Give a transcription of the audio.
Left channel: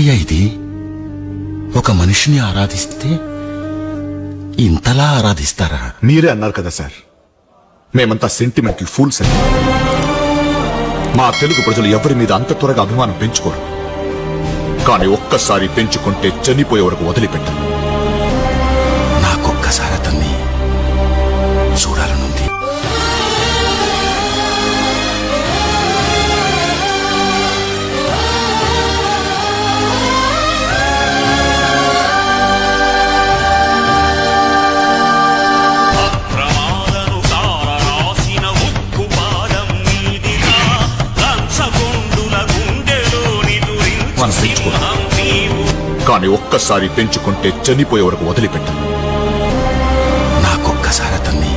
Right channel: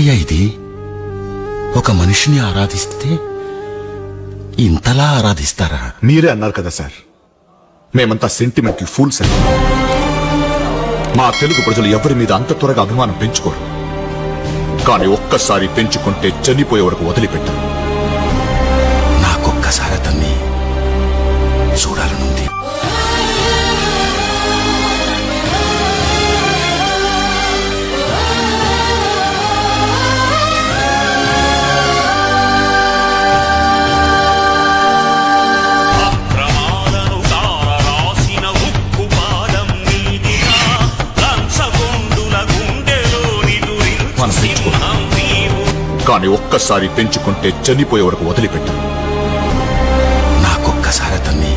ఏంటయ్యా ఇది? ఒక మనిషిని ఆరాధిస్తే ఇంతలా ఆరాధిస్తారా? మీరే అన్నారు కదా సార్, మేమంతా సెంటిమెంటల్ ఫూల్స్ అని. మా తెలుగు ప్రజలు ఎవరి మీద అంత త్వరగా అభిమానం పెంచుకోరు. కానీ ఒక్కసారి పెంచుకుంటే చనిపోయే వరకు వదిలిపెట్టరు. నాకొక్కసారి అతన్ని చూడాలనుంది. మనం పెంచుకోరు. కానీ ఒక్కసారి పెంచుకుంటే చనిపోయే వరకు వదిలిపెట్టరు. నాకొక్కసారి అతన్ని